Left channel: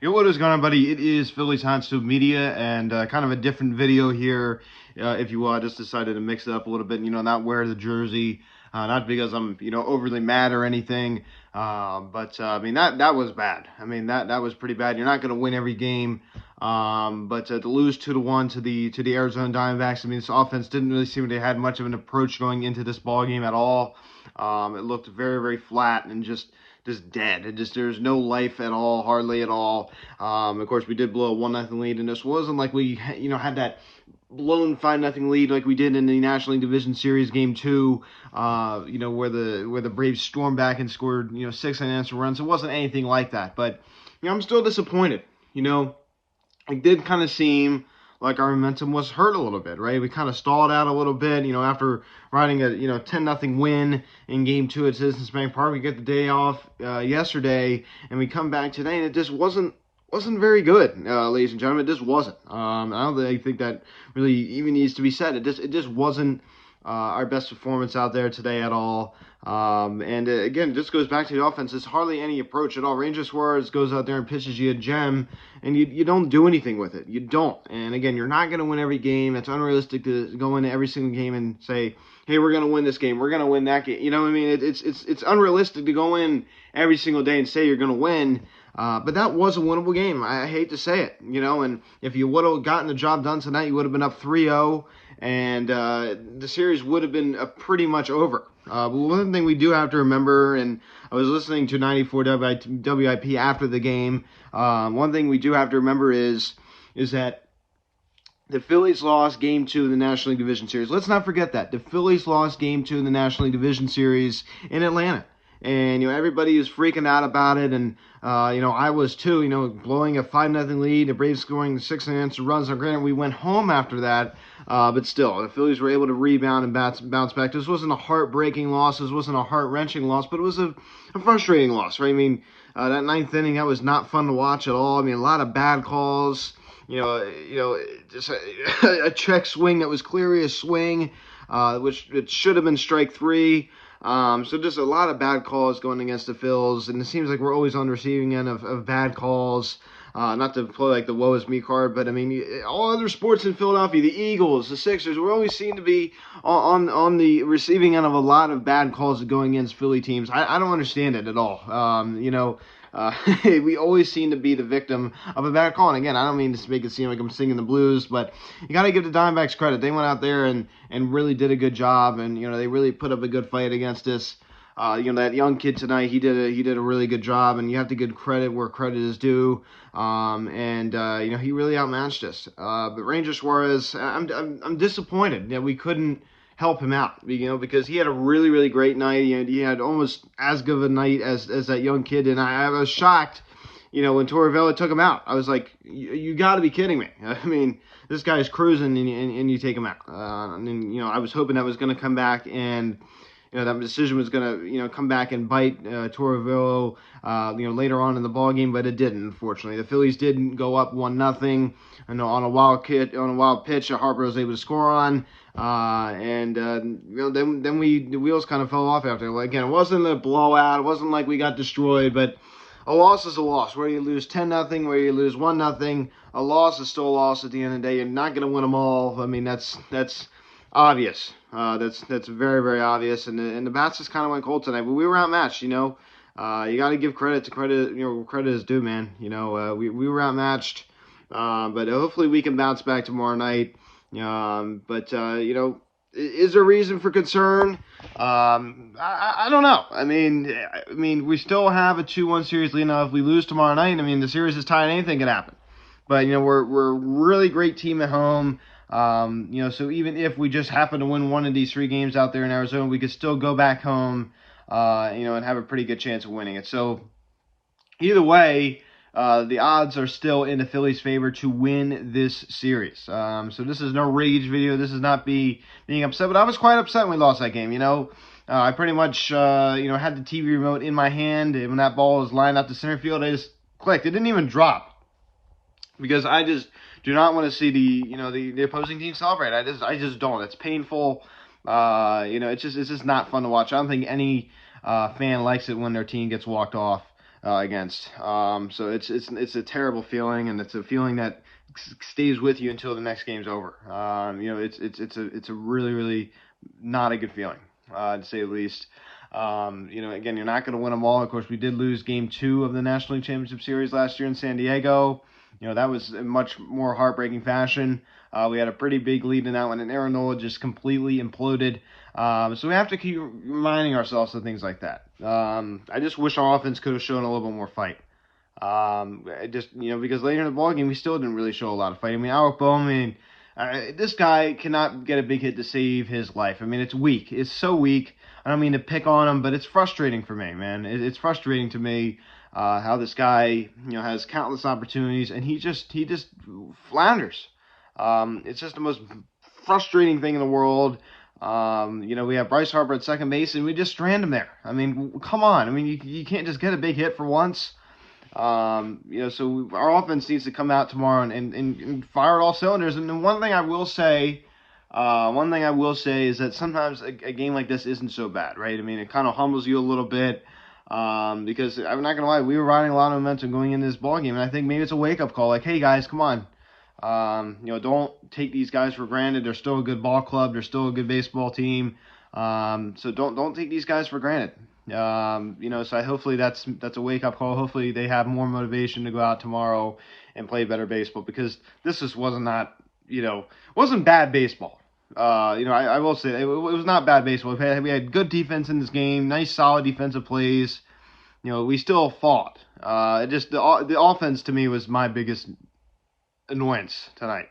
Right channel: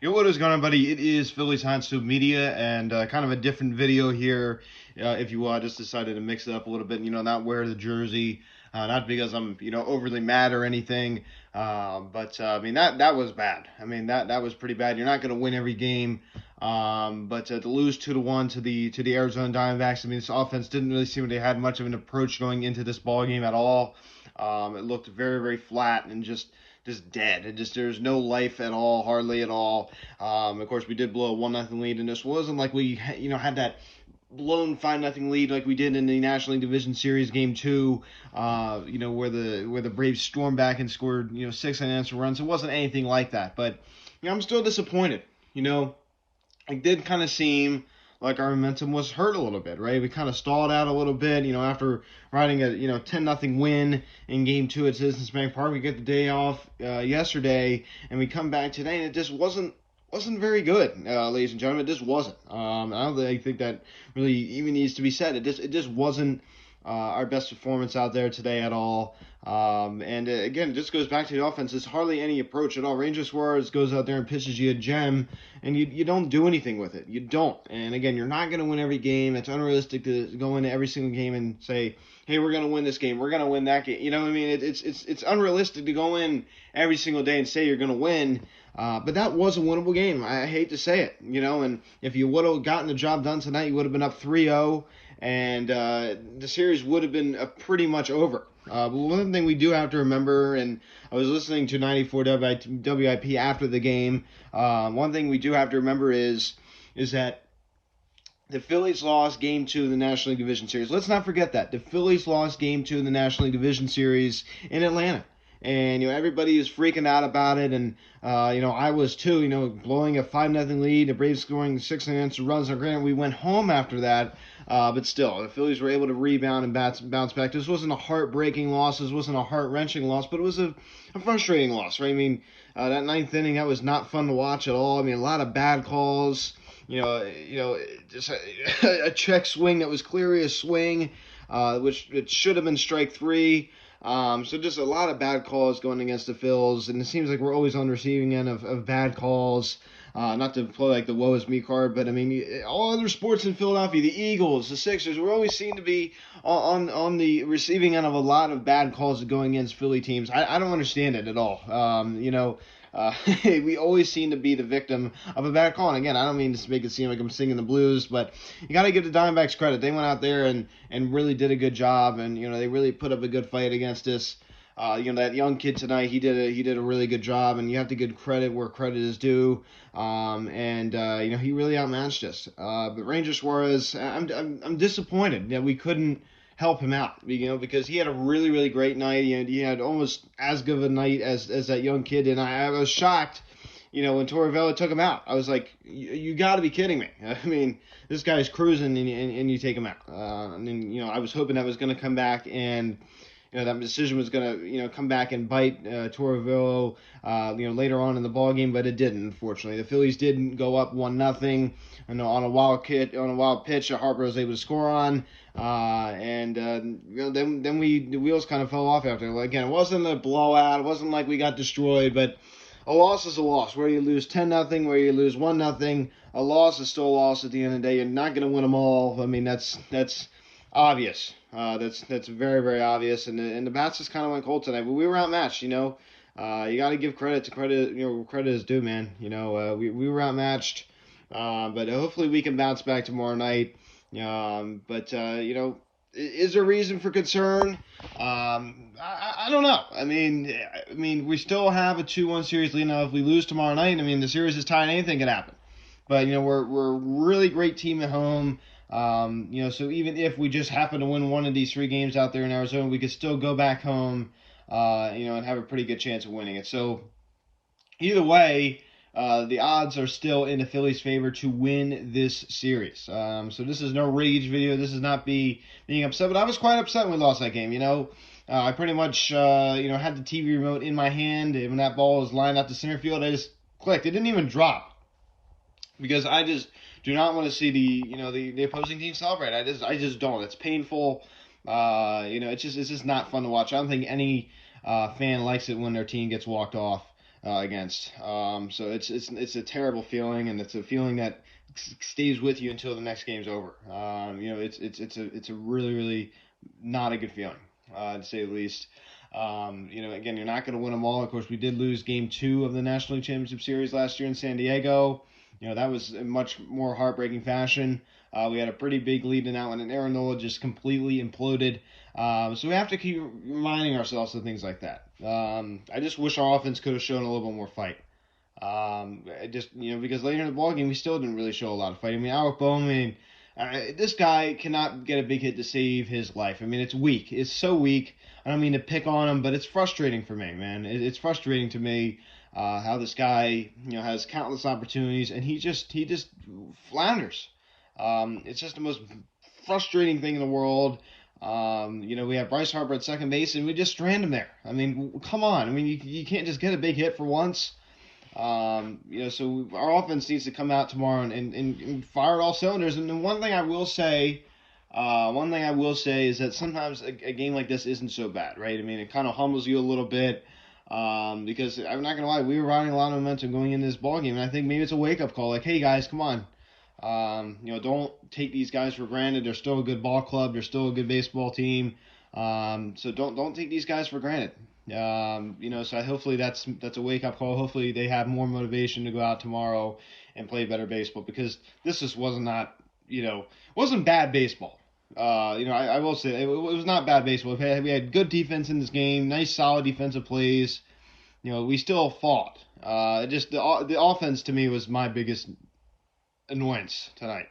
Yo, what is going on, buddy? It is Phillies Hotstove Media, and kind of a different video here, if you will. I just decided to mix it up a little bit, not wear the jersey, not because I'm, overly mad or anything, but I mean, that was bad. I mean, that was pretty bad. You're not going to win every game, but to lose 2-1 to the Arizona Diamondbacks, I mean, this offense didn't really seem to have much of an approach going into this ball game at all. It looked very, very flat and just dead. There's no life at all, hardly at all. Of course, we did blow a 1-0 lead, and this wasn't like we, had that blown 5-0 lead like we did in the National League Division Series Game 2, where the Braves stormed back and scored, 6 unanswered runs. It wasn't anything like that, but, I'm still disappointed. It did kind of seem like our momentum was hurt a little bit, right? We kind of stalled out a little bit, after riding a, 10-0 win in Game 2 at Citizens Bank Park. We get the day off yesterday, and we come back today, and it just wasn't very good, ladies and gentlemen. It just wasn't. I don't really think that really even needs to be said. It just wasn't our best performance out there today at all. Again, just goes back to the offense. There's hardly any approach at all. Ranger Suarez goes out there and pitches you a gem, and you don't do anything with it. You don't. And again, you're not going to win every game. It's unrealistic to go into every single game and say, hey, we're going to win this game. We're going to win that game. You know what I mean? It's unrealistic to go in every single day and say you're going to win. But that was a winnable game. I hate to say it, and if you would have gotten the job done tonight, you would have been up 3-0, and the series would have been pretty much over. But one thing we do have to remember, and I was listening to 94 WIP after the game, one thing we do have to remember is that the Phillies lost Game 2 in the National League Division Series. Let's not forget that. The Phillies lost Game 2 in the National League Division Series in Atlanta. And, everybody is freaking out about it. And, I was too, blowing a 5-0 lead. The Braves scoring 6 unanswered runs. Now, granted, we went home after that. But still, the Phillies were able to rebound and bounce back. This wasn't a heartbreaking loss. This wasn't a heart-wrenching loss. But it was a frustrating loss, right? I mean, that ninth inning, that was not fun to watch at all. I mean, a lot of bad calls. Just a check swing that was clearly a swing, which it should have been strike 3. So just a lot of bad calls going against the Phils, and it seems like we're always on the receiving end of bad calls. Not to play like the woe is me card, but I mean, all other sports in Philadelphia, the Eagles, the Sixers, we always seem to be on the receiving end of a lot of bad calls going against Philly teams. I don't understand it at all. We always seem to be the victim of a bad call. And again, I don't mean to make it seem like I'm singing the blues, but you got to give the Diamondbacks credit. They went out there and really did a good job, and they really put up a good fight against us. That young kid tonight, he did a really good job, and you have to give credit where credit is due. He really outmatched us. But Ranger Suarez, I'm disappointed that we couldn't help him out, because he had a really, really great night. He had almost as good of a night as that young kid, and I was shocked, when Torrevella took him out. I was like, you got to be kidding me. I mean, this guy's cruising, and you take him out. I was hoping that was going to come back, and that decision was going to, come back and bite Torrevella, later on in the ball game, but it didn't, unfortunately. The Phillies didn't go up 1-0. On a wild pitch, Harper was able to score on. Then the wheels kind of fell off after. Like, again, it wasn't a blowout. It wasn't like we got destroyed, but a loss is a loss. Whether you lose 10-0, whether you lose 1-0, a loss is still a loss at the end of the day. You're not going to win them all. I mean, that's obvious. That's very, very obvious. And the bats just kind of went cold tonight. But we were outmatched, You got to give credit to credit. Credit is due, man. We were outmatched. But hopefully we can bounce back tomorrow night. Is there reason for concern? I don't know. I mean, we still have a 2-1 series lead. Now, if we lose tomorrow night, I mean, the series is tied. Anything can happen. But, we're a really great team at home. So even if we just happen to win one of these 3 games out there in Arizona, we could still go back home, and have a pretty good chance of winning it. So either way, the odds are still in the Phillies' favor to win this series. So this is no rage video. This is not being upset, but I was quite upset when we lost that game. I pretty much, had the TV remote in my hand, and when that ball was lined up to center field, I just clicked. It didn't even drop, because I just do not want to see the opposing team celebrate. I just don't. It's painful. It's just not fun to watch. I don't think any fan likes it when their team gets walked off. against. So it's a terrible feeling, and it's a feeling that stays with you until the next game's over. It's a really not a good feeling, to say the least. Again, you're not going to win them all. Of course, we did lose Game 2 of the National League Championship Series last year in San Diego. That was in much more heartbreaking fashion. We had a pretty big lead in that one, and Aaron Nola just completely imploded. So we have to keep reminding ourselves of things like that. I just wish our offense could have shown a little bit more fight. Because later in the ballgame, we still didn't really show a lot of fight. I mean, Alec Bowman, this guy cannot get a big hit to save his life. I mean, it's weak. It's so weak. I don't mean to pick on him, but it's frustrating for me, man. It's frustrating to me how this guy, has countless opportunities, and he just flounders. It's just the most frustrating thing in the world. We have Bryce Harper at second base, and we just strand him there. I mean, come on. I mean, you can't just get a big hit for once. So our offense needs to come out tomorrow and fire all cylinders. And then one thing I will say is that sometimes a game like this isn't so bad, right? I mean, it kind of humbles you a little bit, because I'm not gonna lie, we were riding a lot of momentum going into this ball game, and I think maybe it's a wake-up call, like, hey guys, come on, don't take these guys for granted. They're still a good ball club. They're still a good baseball team. So don't take these guys for granted. So hopefully that's a wake-up call. Hopefully they have more motivation to go out tomorrow and play better baseball, because this just wasn't bad baseball. I will say it was not bad baseball. We had good defense in this game, nice solid defensive plays. We still fought. The offense to me was my biggest annoyance tonight.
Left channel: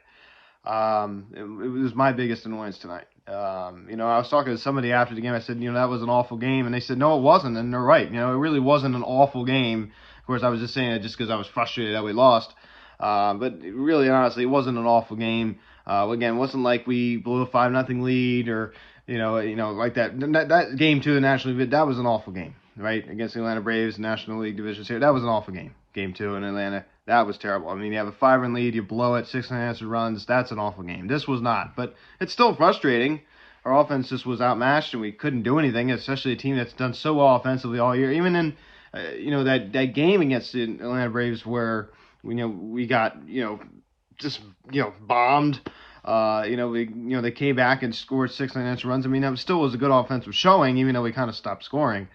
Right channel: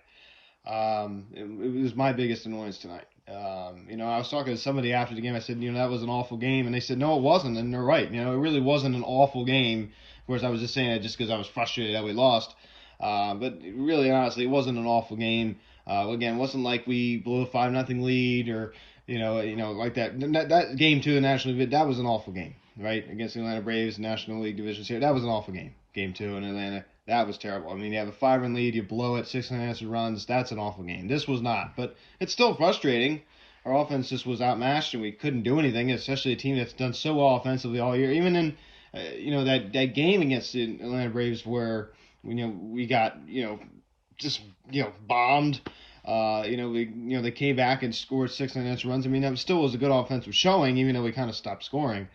It was my biggest annoyance tonight. I was talking to somebody after the game. I said, that was an awful game, and they said, no, it wasn't, and they're right. It really wasn't an awful game. Of course, I was just saying it just because I was frustrated that we lost. But really, honestly, it wasn't an awful game. Again, it wasn't like we blew a 5-0 lead, or like that. That game 2 in the National League, that was an awful game, right? Against the Atlanta Braves, National League Division Series, that was an awful game. Game 2 in Atlanta, that was terrible. I mean, you have a 5-run lead, you blow it, 6 unanswered runs. That's an awful game. This was not, but it's still frustrating. Our offense just was outmatched, and we couldn't do anything, especially a team that's done so well offensively all year. Even in, that game against the Atlanta Braves where, we got, bombed. They came back and scored 6 unanswered runs. I mean, it still was a good offensive showing, even though we kind of stopped scoring.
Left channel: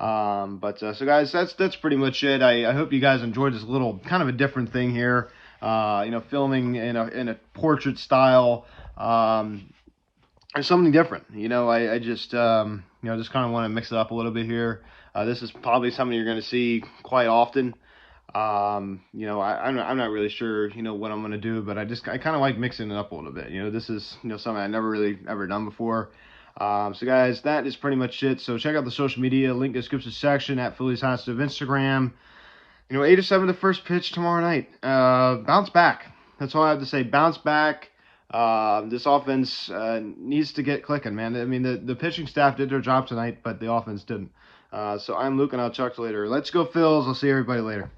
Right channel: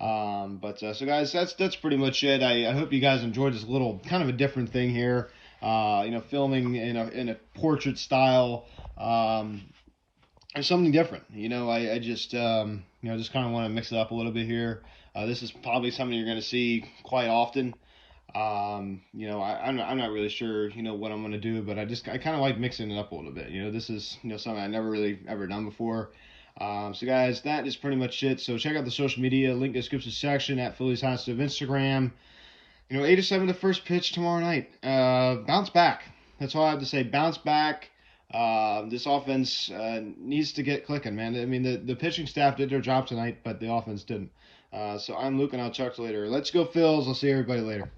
So guys, that's pretty much it. I hope you guys enjoyed this little kind of a different thing here. Filming in a portrait style. Or something different. I just kind of want to mix it up a little bit here. This is probably something you're going to see quite often. I'm not really sure, what I'm going to do, but I kind of like mixing it up a little bit. This is, something I never really ever done before. So guys, that is pretty much it. So check out the social media, link in the description section at Phillies Hot Stove Instagram. 8-7 the first pitch tomorrow night. Bounce back. That's all I have to say. Bounce back. This offense needs to get clicking, man. I mean, the pitching staff did their job tonight, but the offense didn't. So I'm Luke, and I'll talk to you later. Let's go, Phils. I'll see everybody later.